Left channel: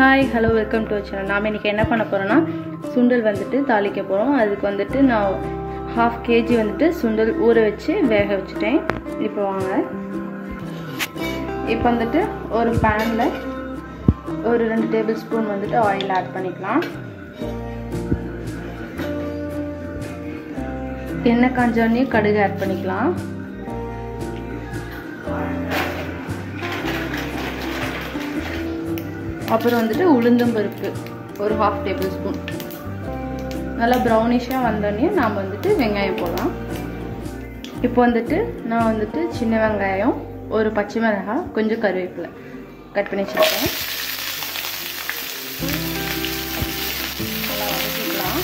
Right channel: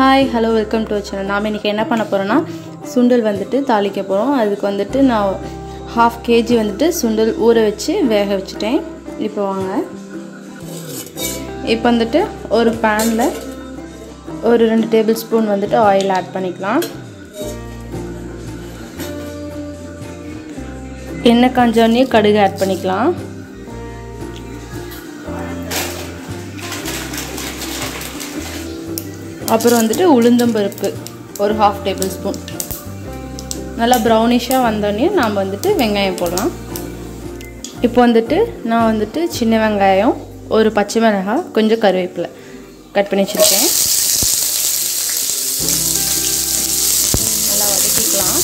Hi, hello, welcome to our channel. நாம இன்னைக்கு என்ன பண்ண போறோம்னா சுண்டல் வந்துட்டு தாளிக்க போறோம். அதுக்கு வந்துட்டு நான் 1/2 kg வந்துட்டு சுண்டல் ஊற வச்சு வேக வச்சிட்டேன். இப்போ வாங்க. இப்போ வந்துட்டு ஒரு panல ஒரு 2 டேபிள்ஸ்பூன் வந்துட்டு ஆயில் ஆட் பண்ணிக்கலாம். எண்ணெய் காஞ்சோனே கடுகு ஆட் பண்ணிக்கலாம். அப்புறம் வந்துட்டு உளுந்தம் பருப்பு ஒரு 1/2 டேபிள்ஸ்பூன். நல்லா ப்ரௌனிஷா வந்தோனே நாம வந்துட்டு வெங்காயம் போடலாம். இப்போ வந்துட்டு நான் வந்துட்டு சின்ன வெங்காயம், ஒரு பச்சை மிளகாய், கொஞ்சம் கறிவேப்பிலை கட் பண்ணி வச்சிருக்கேன். நல்லா வதக்கிக்கலாம்.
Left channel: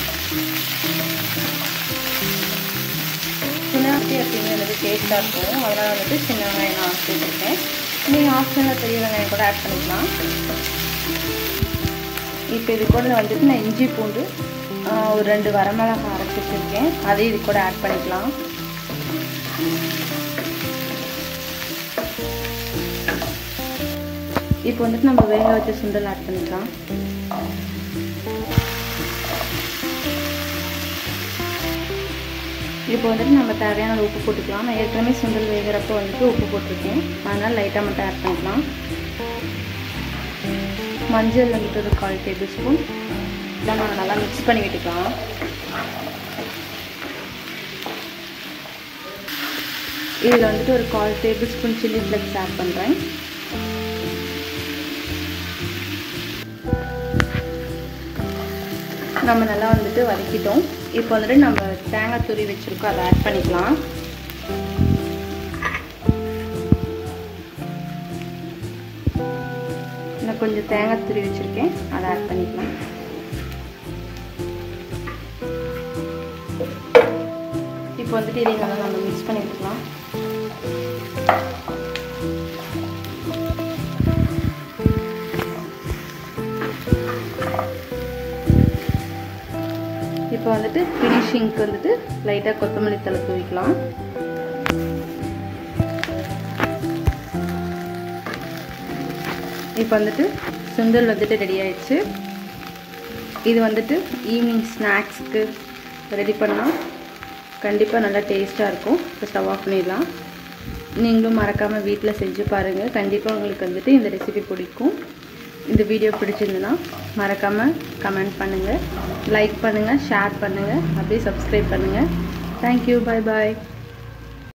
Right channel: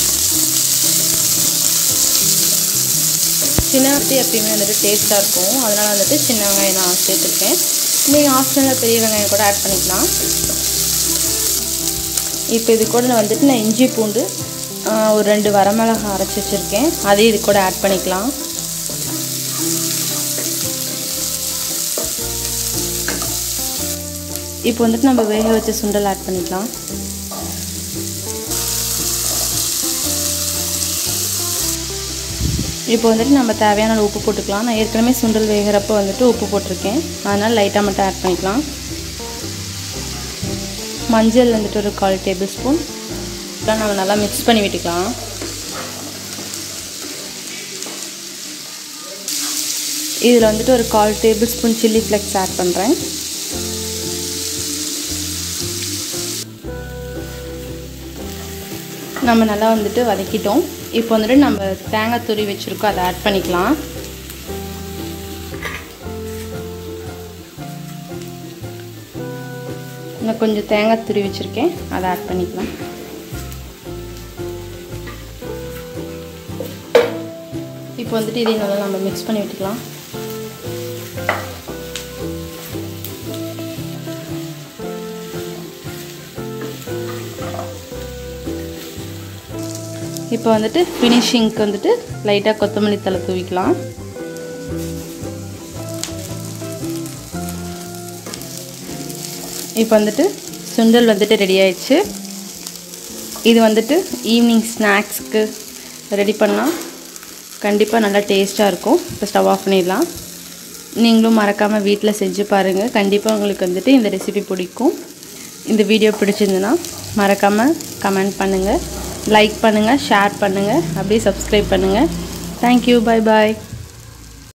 சின்ன வெங்காயம் எப்பயுமே வந்துட்டு டேஸ்ட்டாக இருக்கும், அதனால் வந்துட்டு சின்ன வெங்காயம் நான் சேர்த்துருக்கேன். நீங்கள் ஆப்ஷனில் பெரிய வெங்காயம் கூட ஆட் பண்ணிக்கலாம். இப்போ இது கூட வந்துட்டு நான் இஞ்சி பூண்டு ஒரு 2 வரமிளகாய் அரைச்சி வச்சுருக்கேன், அதையும் இது கூட ஆட் பண்ணிக்கலாம். இப்போ வந்துட்டு நம்ம வேக வச்ச சுண்டல் ஆட் பண்ணிக்கலாம். இப்போ வந்துட்டு நம்ம தேவையான உப்பு போட்டுக்கலாம். நான் ஏற்கனவே சுண்டல் வேகிறப்போ வந்துட்டு உப்பு போட்டிருக்கேன், அதனால் லைட்டாக மட்டும் ஆட் பண்ணிக்கலாம். மஞ்சள் வந்துட்டு ஒரு 1/4 டேபிள்ஸ்பூன். இதெல்லாம் நம்ம நல்லா மிக்ஸ் பண்ணி விட்டுக்கலாம். இதில் வந்துட்டு ஒரு 1/4 டேபிள்ஸ்பூன் சில்லி ஃப்ளெக்ஸ் ஆட் பண்ணுறேன். நம்ம நல்லா வந்துட்டு வதக்கிட்டோம். இப்போ வந்துட்டு நம்ம தேங்காய் துருவி வச்சுருக்கோம், அதை ஆட் பண்ணிக்கலாம். நான் கொஞ்சம் தேங்காய் துருவி வச்சுருக்கேன், அதை ஆட் பண்ணிக்கலாம். இப்போ வந்துட்டு இதை நல்லா நம்ம மிக்ஸ் பண்ணி விட்டுக்கலாம். இப்போ வந்துட்டு ஃபினிஷிங்க்கு வந்துட்டு லைட்டாக கொத்தமல்லி தழை தூவிக்கலாம். இப்போ வந்துட்டு சுண்டல் வந்துட்டு ரெடி ஆயிடுச்சு. இது வந்துட்டு ஈவினிங் ஸ்நாக்ஸ்க்கு ரெடி பண்ணால் கண்டிப்பாக நல்லா டேஸ்ட்டாக இருக்கும். இப்போ ஸ்டவ் ஆஃப் பண்ணிடலாம். நீங்களும் மறக்காமல் வீட்டில் செஞ்சு பாருங்கள். கண்டிப்பாக உங்களுக்கு வந்துட்டு இந்த ரெசிபி பிடிக்கும். இந்த வீடியோ பிடிச்சிருந்துன்னா மறக்காமல் கமெண்ட் பண்ணுங்கள், லைக் பண்ணுங்கள், ஷேர் பண்ணுங்கள், அப்படியே சப்ஸ்கிரைப் பண்ணுங்கள். Thank you, bye bye.